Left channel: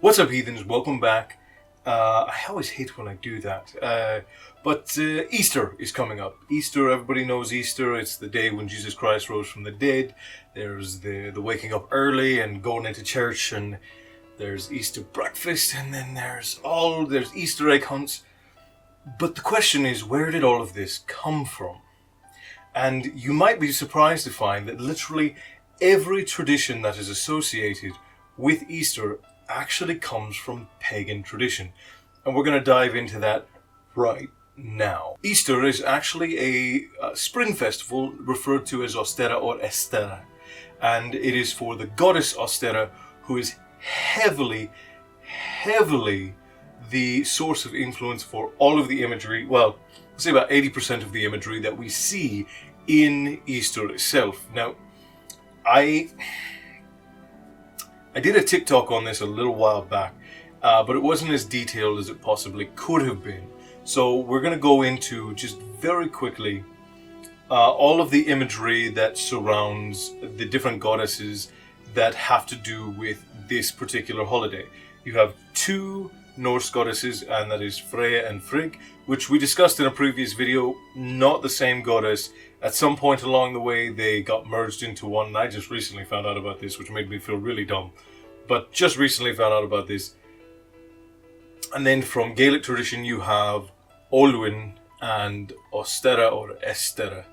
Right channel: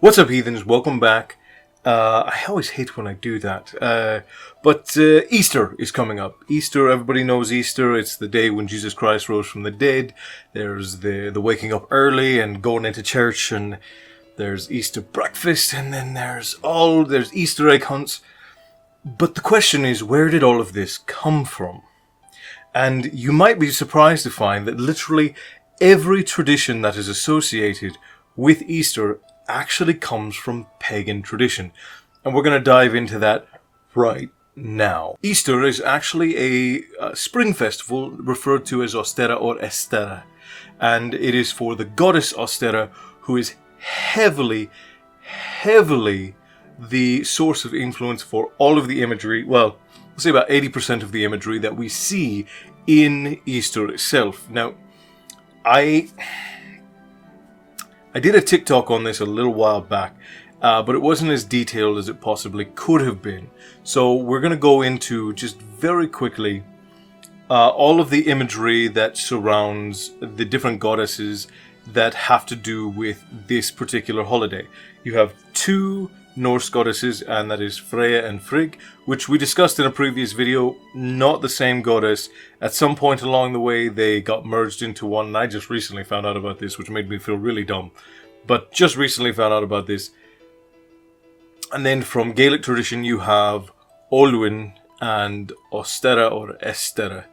What's up, heathens? Welcome back. I always hate when I do that. But Easter is coming up. Easter, everybody knows Easter. It's the day when Jesus Christ rose from the dead. There's the waking up early and going into church, and there's Easter breakfast, and then there's Easter egg hunts. But the question is, where did all of this come from? And you might be surprised to find that literally every tradition that is associated with Easter actually comes from pagan tradition. And we're going to dive into that right now. Easter is actually a spring festival referred to as Ostara or Estera. And it is for the goddess Ostara, who is heavily the source of influence for all of the imagery, well, let's say about 80% of the imagery that we see in Easter itself. Now, I did a Tik Tok on this a little while back, but it wasn't as detailed as it possibly could have been. So we're going to go into, just very quickly, all of the imagery that surrounds the different goddesses that have to do with this particular holiday. You have two Norse goddesses, and that is Freya and Frigg, which we discussed in a previous video. Not the same goddess. At some point along the way they got merged into one, and I just recently found out about this, which made me feel really dumb. But just recently found out about this. And then from Gaelic tradition you have Olwyn and Ostara or Estera.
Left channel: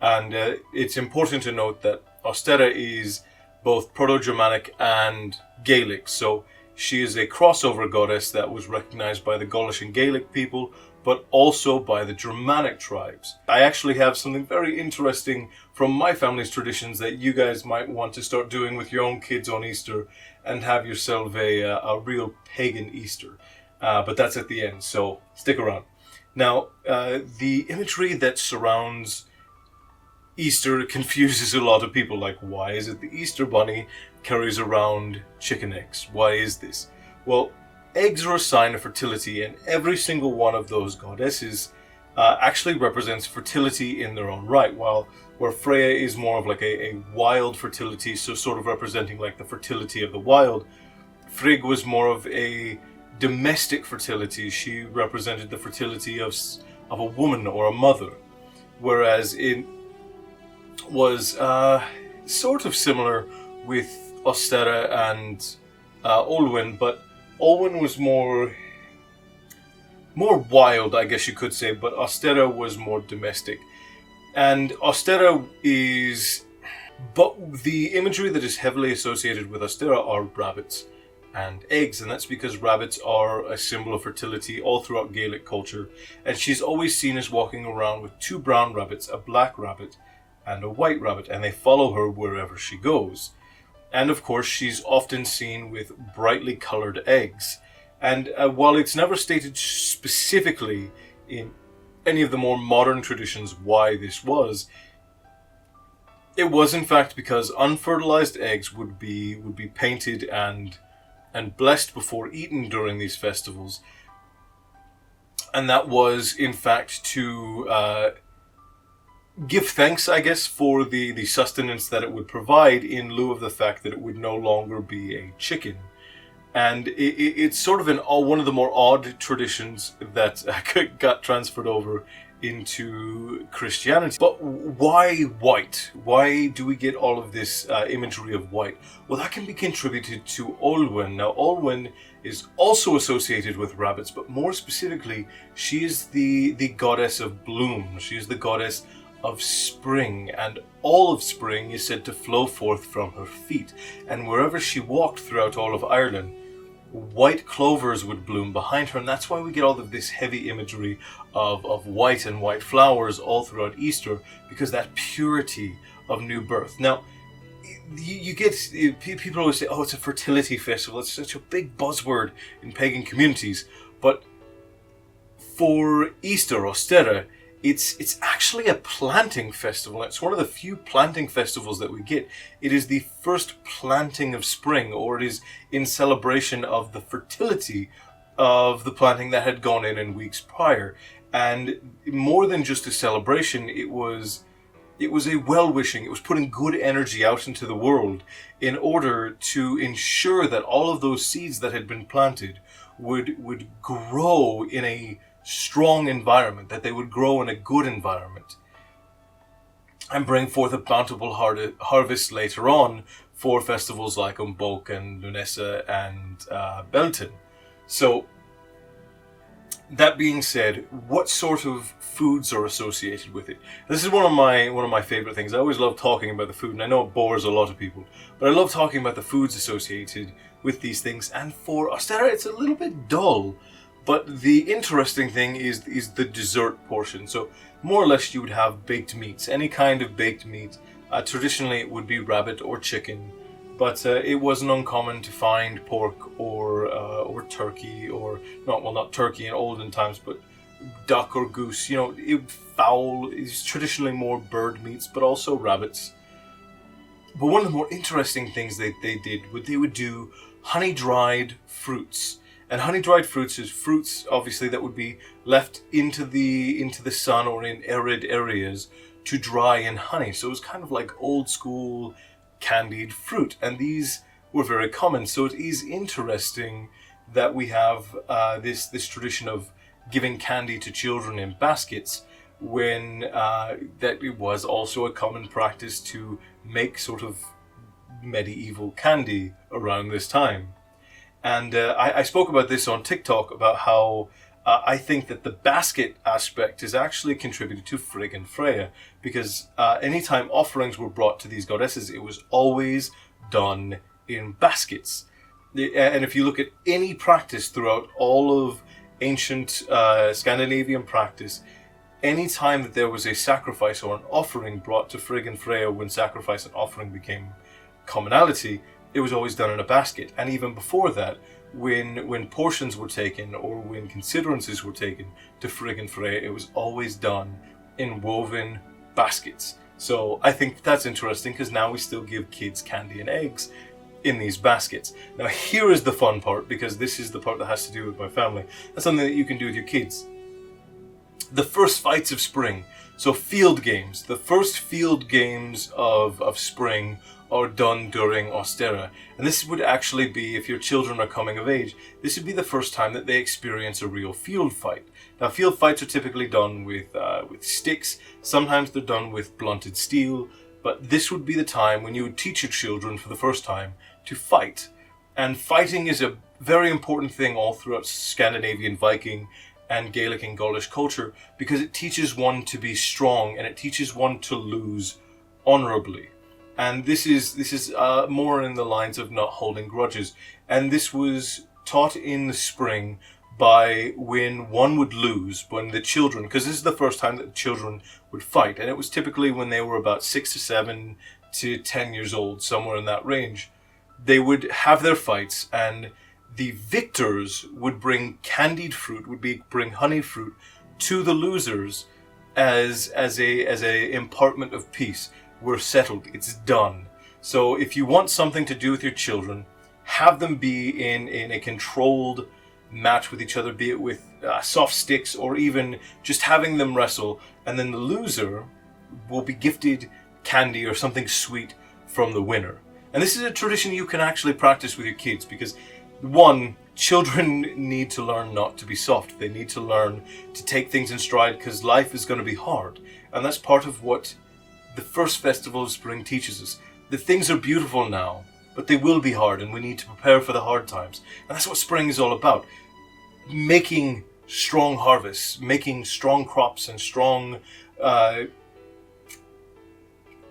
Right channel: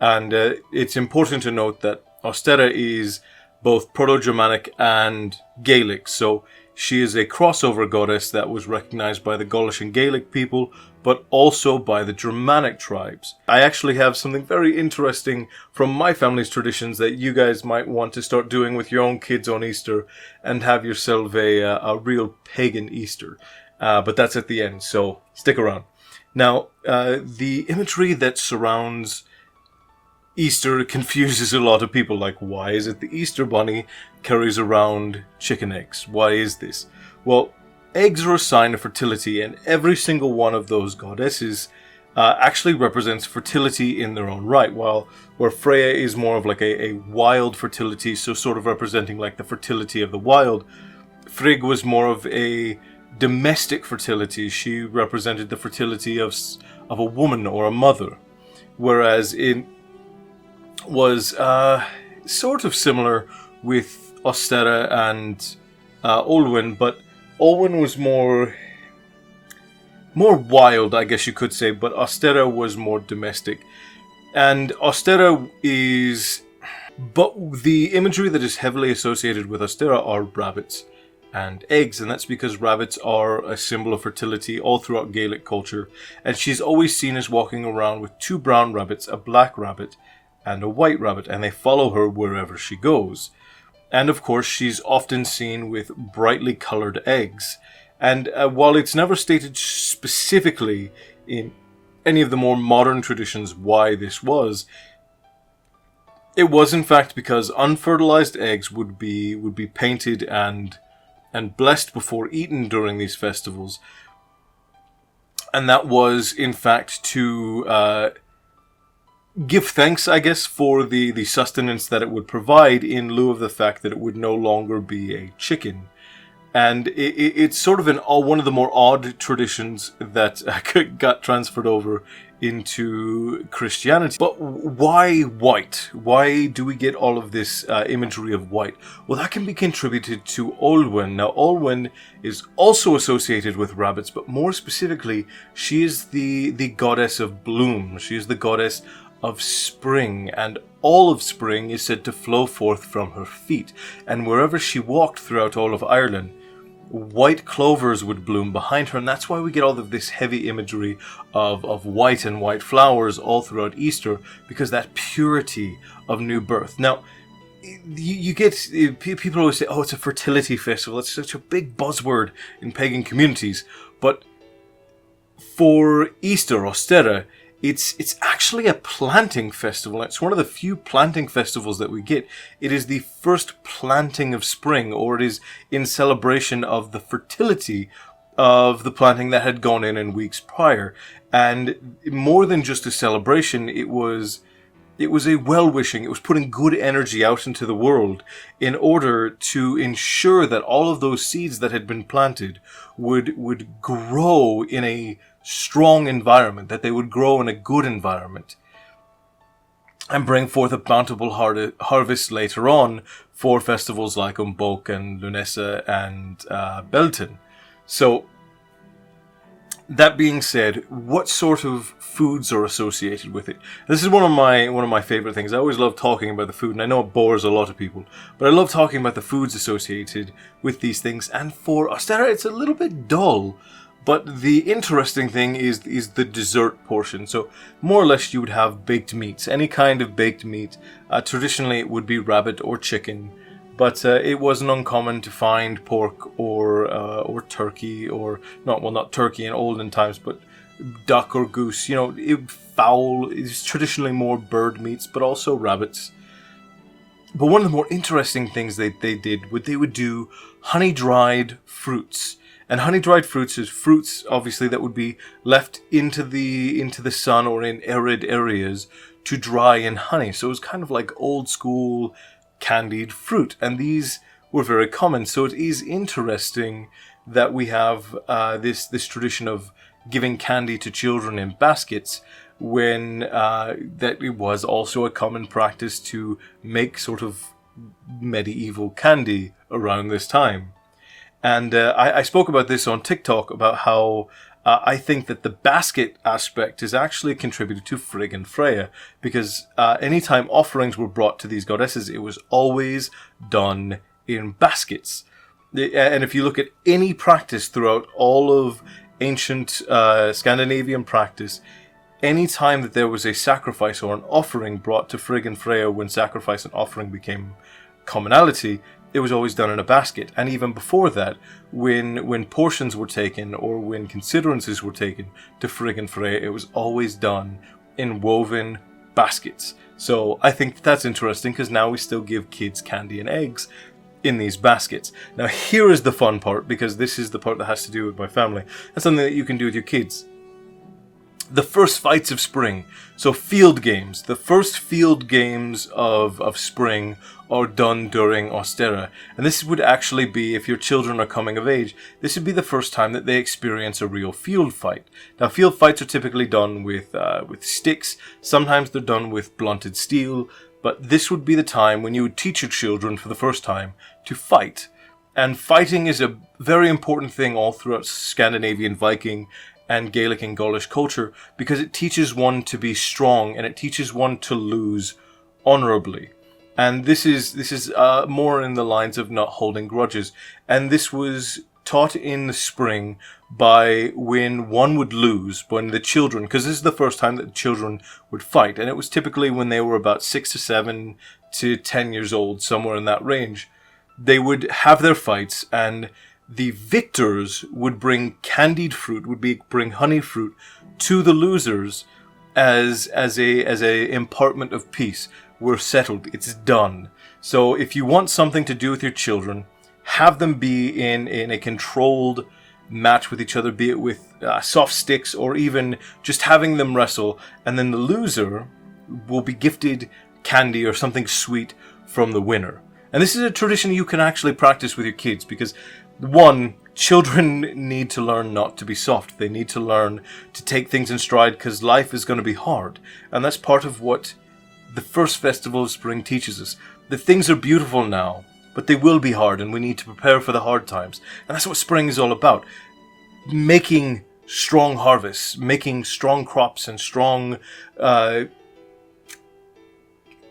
And it's important to note that Ostara is both Proto-Germanic and Gaelic, so she is a crossover goddess that was recognized by the Gaulish and Gaelic people, but also by the Germanic tribes. I actually have something very interesting from my family's traditions that you guys might want to start doing with your own kids on Easter and have yourself a real pagan Easter. But that's at the end, so stick around. Now, the imagery that surrounds Easter confuses a lot of people. Like, why is it the Easter bunny carries around chicken eggs? Why is this? Well, eggs are a sign of fertility, and every single one of those goddesses actually represents fertility in their own right. While where Freya is more of like a wild fertility, so sort of representing like the fertility of the wild, Frigg was more of a domestic fertility. She represented the fertility of a woman or a mother, whereas it was sort of similar with Ostara and Olwyn, but Olwyn was more wild, I guess you could say, but Ostara was more domestic. And Ostara is... But the imagery that is heavily associated with Ostara are rabbits and eggs, and that's because rabbits are a symbol of fertility all throughout Gaelic culture, and she's always seen as walking around with two brown rabbits, a black rabbit, and a white rabbit, and they follow her wherever she goes. And of course, she's often seen with brightly colored eggs. And while it's never stated specifically in any of the more modern traditions why this was, it was in fact because unfertilized eggs would be painted and blessed before eaten during these festivals. And that was in fact to give thanks, I guess, for the sustenance that it would provide in lieu of the fact that it would no longer be a chicken. And it's sort of one of the more odd traditions that got transferred over into Christianity. But why white? Why do we get all of this imagery of white? Well, that can be contributed to Olwyn. Now, Olwyn is also associated with rabbits, but more specifically, she is the goddess of bloom. She is the goddess of spring, and all of spring is said to flow forth from her feet. And wherever she walked throughout all of Ireland, white clovers would bloom behind her, and that's why we get all of this heavy imagery of white and white flowers all throughout Easter, because that purity of new birth. Now, you get people always say, oh, it's a fertility festival. It's such a big buzzword in pagan communities, but for Easter, Ostara, it's actually a planting festival. It's one of the few planting festivals that we get. It is the first planting of spring, or it is in celebration of the fertility of the planting that had gone in weeks prior. And more than just a celebration, it was It was a well-wishing. It was putting good energy out into the world in order to ensure that all of those seeds that had been planted would grow in a strong environment, that they would grow in a good environment, and bring forth a bountiful harvest later on for festivals like Umbok and Lunesa and Belton. So, that being said, what sort of foods are associated with it? This is one of my favorite things. I always love talking about the food, and I know it bores a lot of people, but I love talking about the foods associated with these things. And for Ostara, it's a little bit dull, but the interesting thing is the dessert portion. So more or less, you would have baked meats, any kind of baked meat. Traditionally, it would be rabbit or chicken. But it wasn't uncommon to find pork or turkey, or not turkey in olden times, but duck or goose. You know, fowl is traditionally more bird meats, but also rabbits. But one of the more interesting things they would do honey-dried fruits. And honey-dried fruits is fruits, obviously, that would be left into the sun or in arid areas to dry in honey. So it was kind of like old school candied fruit, and these were very common. So it is interesting that we have this tradition of giving candy to children in baskets, when that it was also a common practice to make sort of medieval candy around this time. And I spoke about this on TikTok, about how I think that the basket aspect is actually contributed to Frigg and Freya, because anytime offerings were brought to these goddesses, it was always done in baskets. And if you look at any practice throughout all of ancient Scandinavian practice, any time that there was a sacrifice or an offering brought to Frigg and Freya, when sacrifice and offering became commonality, it was always done in a basket. And even before that, when portions were taken or when considerances were taken to Frigg and Freya, it was always done in woven baskets. So I think that's interesting, because now we still give kids candy and eggs in these baskets. Now here is the fun part, because this is the part that has to do with my family. That's something that you can do with your kids. The first fights of spring. So field games. The first field games of spring are done during Ostara. And this would actually be, if your children are coming of age, this would be the first time that they experience a real field fight. Now field fights are typically done with sticks. Sometimes they're done with blunted steel. But this would be the time when you would teach your children for the first time to fight. And fighting is a very important thing all throughout Scandinavian Viking and Gaelic and Gaulish culture, because it teaches one to be strong, and it teaches one to lose honorably. And this is more in the lines of not holding grudges. And this was taught in the spring by when one would lose, when the children, because this is the first time that the children would fight, and it was typically when they were about 6 to 7 to 10 years old, somewhere in that range. They would have their fights, and the victors would bring candied fruit, bring honey fruit to the losers as a impartment of peace. We're settled. It's done. So if you want something to do with your children, have them be in a controlled match with each other, be it with soft sticks or even just having them wrestle, and then the loser will be gifted candy or something sweet from the winner. And this is a tradition you can actually practice with your kids, because one, children need to learn not to be soft. They need to learn to take things in stride, because life is going to be hard. And that's part of what the first festival of spring teaches us. That things are beautiful now, but they will be hard, and we need to prepare for the hard times. And that's what spring is all about. Making strong harvests, making strong crops and strong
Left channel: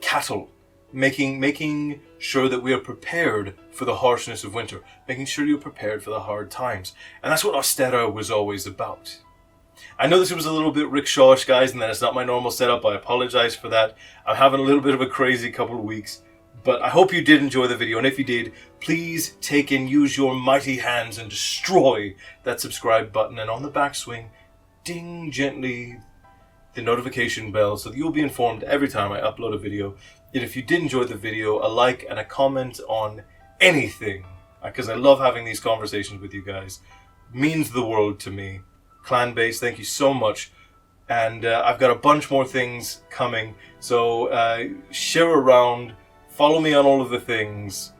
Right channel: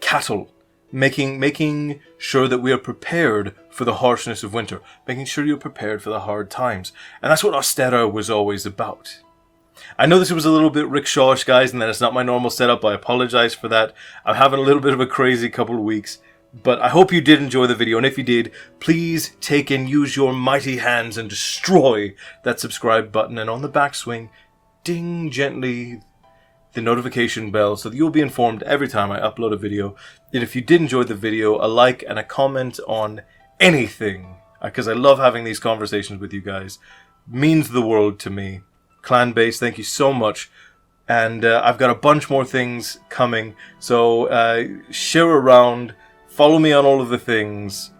cattle. Making sure that we are prepared for the harshness of winter. Making sure you're prepared for the hard times. And that's what Ostara was always about. I know this was a little bit rickshawish, guys, and that it's not my normal setup. I apologize for that. I'm having a little bit of a crazy couple of weeks. But I hope you did enjoy the video. And if you did, please take and use your mighty hands and destroy that subscribe button. And on the backswing, ding gently the notification bell so that you'll be informed every time I upload a video. And if you did enjoy the video, a like and a comment on anything, because I love having these conversations with you guys, means the world to me. Clan base, thank you so much. And I've got a bunch more things coming. So share around, follow me on all of the things.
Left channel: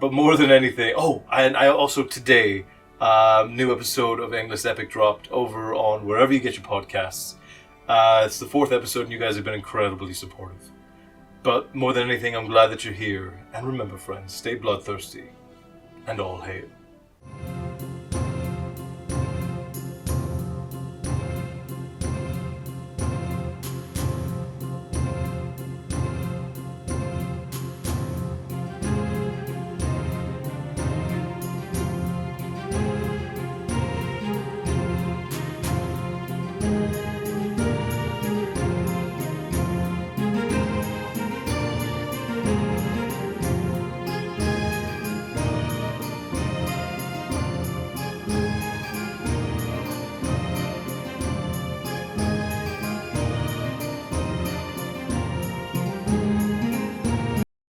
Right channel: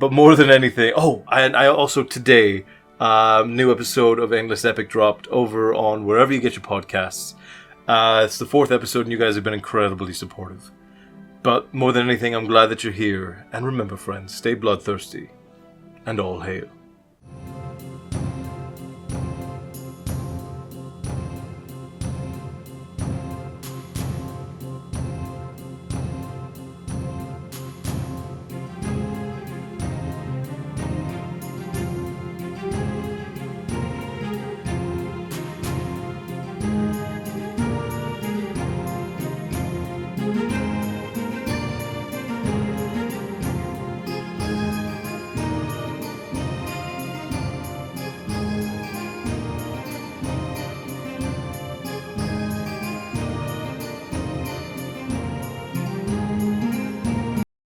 But more than anything, and I also today, new episode of Endless Epic dropped over on wherever you get your podcasts. It's the 4th episode and you guys have been incredibly supportive. But more than anything, I'm glad that you're here. And remember, friends, stay bloodthirsty. And all hail.